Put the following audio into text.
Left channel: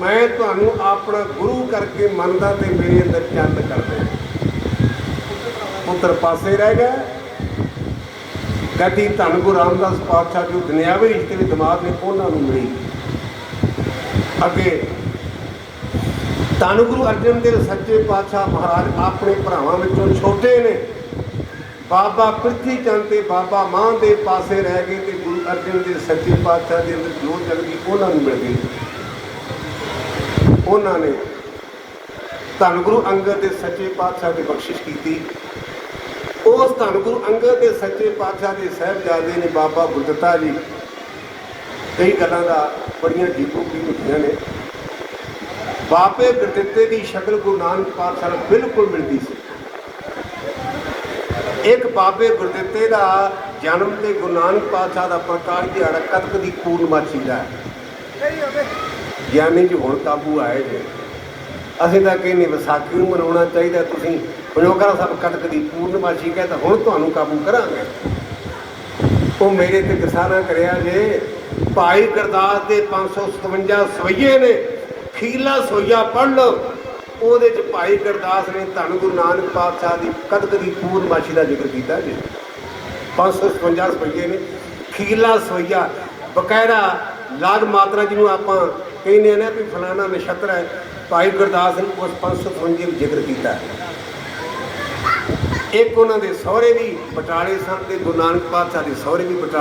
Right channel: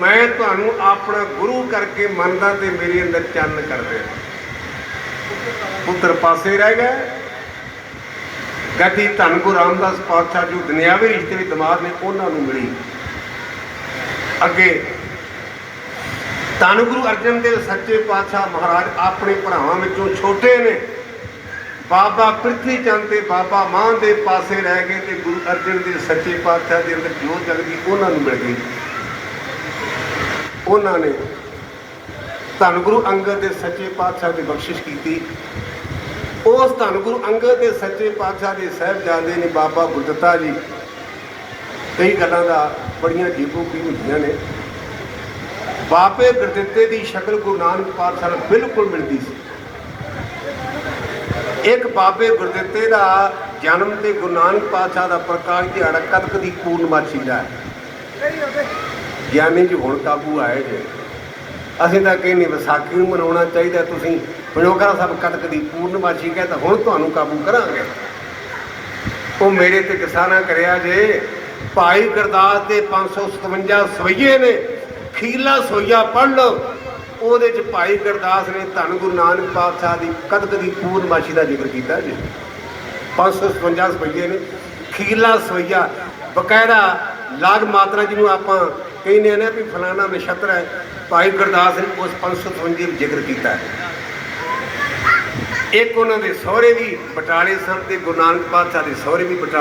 ਮੈਂ ਤੁਹਾਨੂੰ ਆਪਣਾ ਗੁਰੂ ਕਰਕੇ ਮੰਨਦਾ ਤੇ ਮੇਰੇ ਅੰਦਰ ਚੰਨ ਕਰਦਾ ਪੁੱਤਰ ਪਾਸੇ ਰਹਿ ਗਏ ਗੱਦੀ ਧੰਨ ਗੁਰੂ ਰਾਮਦਾਸ ਪਾਤਸ਼ਾਹ ਜੀ ਦੁਨਿਆਵੀ ਰਿਸ਼ਤੇ ਵਿੱਚ ਦਮਾਦ ਨੇ ਉਹਨਾਂ ਨੂੰ ਮਿਲੀ। ਅੱਗੇ ਧੰਨ ਗੁਰੂ ਅਰਜਨ ਦੇਵ ਸੱਚੇ ਪਾਤਸ਼ਾਹ ਮਹਾਰਾਜ ਆਪਣੇ ਭਰਾਵਾਂ ਵਿੱਚੋਂ ਛੋਟੇ ਨੇ। ਬਾਬਾ ਪ੍ਰਿਥੀ ਚੰਦ ਤੇ ਬਾਬਾ ਮਾਨ ਦੇ ਪਾਸੇ ਰਹਿ ਗਏ ਤੇ ਗੁਰੂ ਅਰਜਨ ਦੇਵ ਸੱਚੇ ਪਾਤਸ਼ਾਹ ਦੇ ਅੰਦਰ ਜੋਤ ਜਗ ਗਈ ਉਹਨਾਂ ਨੂੰ ਮਿਲ ਗਈ। ਉਹਨਾਂ ਨੇ ਧੰਨ ਗੁਰੂ ਅੰਗਦ ਦੇ ਸੱਚੇ ਪਾਤਸ਼ਾਹ ਦੀ ਬਖਸ਼ਿਸ਼ ਕੀਤੀ। ਉਸ ਧੰਨ ਗੁਰੂ ਅੰਗਦ ਦੇ ਸੱਚੇ ਪਾਤਸ਼ਾਹ ਦੇ ਸਾਹਿਬਜ਼ਾਦੇ ਨੇ ਬਾਬਾ ਗੁਰਦਤਾ ਜੀ, ਕਈ ਗੱਲਾਂ ਦਾ ਬੜੀਆਂ ਜੀਵੋ ਕੀ ਹੁੰਦੀਆਂ ਨੇ। ਬਾਪੇ ਗੁਰਦਿੱਤੇ ਦੀ ਸ਼ਕਲ ਗੁਰੂ ਨਾਨਕ ਪਾਤਸ਼ਾਹ ਨੂੰ ਬਿਲਕੁਲ ਮਿਲਦੀ ਸੀ। ਇੱਕ ਬਾਬੇ ਗੁਰਦਿੱਤੇ ਦਾ ਜਨਮ ਤੇ ਗੁਰੂ ਨਾਨਕ ਪਾਤਸ਼ਾਹ ਦਾ ਪ੍ਰਕਾਸ਼ ਦੀ ਕਦ ਕਦੀ ਪੂਰਨਮਾਸ਼ੀ ਦਾ ਹੈ। ਗਿਆਨੀ ਜੀ ਹੁਣ ਕਾਬੂ ਆਏ ਜੇ ਅਸੀਂ ਤਾਂ ਕਹਿੰਦੇ ਵਿਸਾਖੀ ਨੂੰ ਮਨਾਉਣਾ ਚਾਹੀਦਾ, ਤੁਸੀਂ ਬਣੋਕਰਾ ਸਾਹਿਬ ਕਟਕ ਦੀ ਪੂਰਨਮਾਸ਼ੀ ਕਹਿੰਦਾ ਹੁਣ ਤੁਹਾਨੂੰ ਕਾਬੂ ਕਰਾਂਗੇ। ਉਹ ਮੇਰੇ ਤੇ ਕਿਸਾਨਾ ਕਰਿਆ ਜੇ, ਭਾਈ ਗੁਰਦਾਸ ਦੇ 557 ਸਵਈਏ ਨੇ, ਖੀਲਾ ਸਵਈਆ ਪੜ੍ਹ ਲਓ। ਉਹਦੇ ਚ ਭਾਈ ਗੁਰਦਾਸ ਨੇ ਧੰਨ ਗੁਰੂ ਨਾਨਕ ਪਾਤਸ਼ਾਹ ਦੀ ਕਦਕ ਦੀ ਪੂਰਨਮਾਸ਼ੀ ਦਾ ਜ਼ਿਕਰ ਕੀਤਾ ਜੀ। 557 ਸਵਈਏ ਨੇ, ਖੀਲਾ ਸਵਈਆ ਬਕਾਇਦਾ ਲਾਗ ਮਾਤਰਾ ਜਿਹਨੂੰ ਆਪਾਂ ਕਹਿੰਦੇ ਆ ਨਾ ਵੀ ਫਲਾਣਾ ਨਛੱਤਰ ਹੈ, ਭਾਈ ਗੁਰਦਾਸ ਨੇ ਉਸ 557 ਵਿੱਚ ਜ਼ਿਕਰ ਕੀਤਾ ਹੈ। ਇੱਕ ਉਹਨਾਂ ਦੇ ਸਹੁਰੇ ਵੀ ਬਟਾਲੇ ਸਨ ਤੇ ਗੁਰੂ ਨਾਨਕ ਪਾਤਸ਼ਾਹ ਦੇ ਸਹੁਰੇ ਵੀ ਬਟਾਲੇ